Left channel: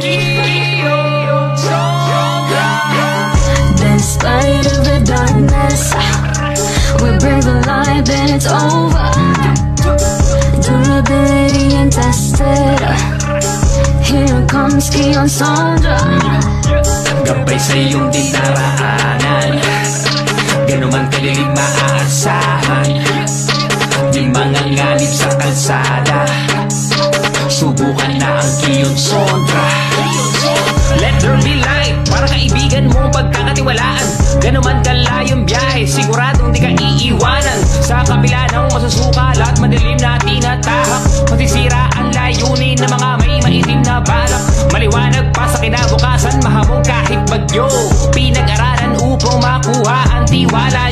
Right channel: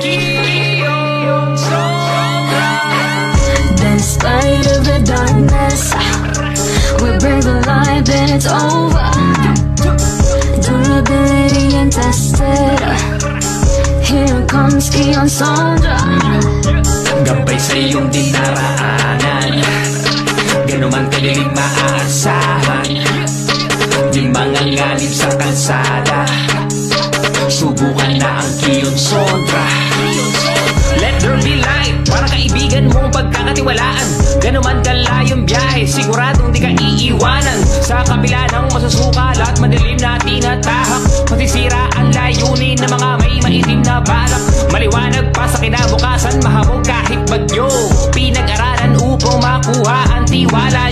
Kiyon Sombra. Despite of the darkness, we bring the light, then it's over. Durability untested. Here comes Kiyon Sombra. Gabay sa iyong dinaraanan, ganuman kalilig maaasahan. Di mga nganib sa kalsada, subukan na ang Kiyon Sombra. Let there be light, para kaibigan mong pagkakatiwalaan. Ganuman kalayong biyahe, siguradong di ka iiwanan. Sa kabila ng masusukal at madilim na tinatahak, masisira ang layunin ng mga may maitim na balak. Maliwanag pa sa kinabukasan, mahamog kahit bagyo. Pinag-aralan upang makuha ang tiwala.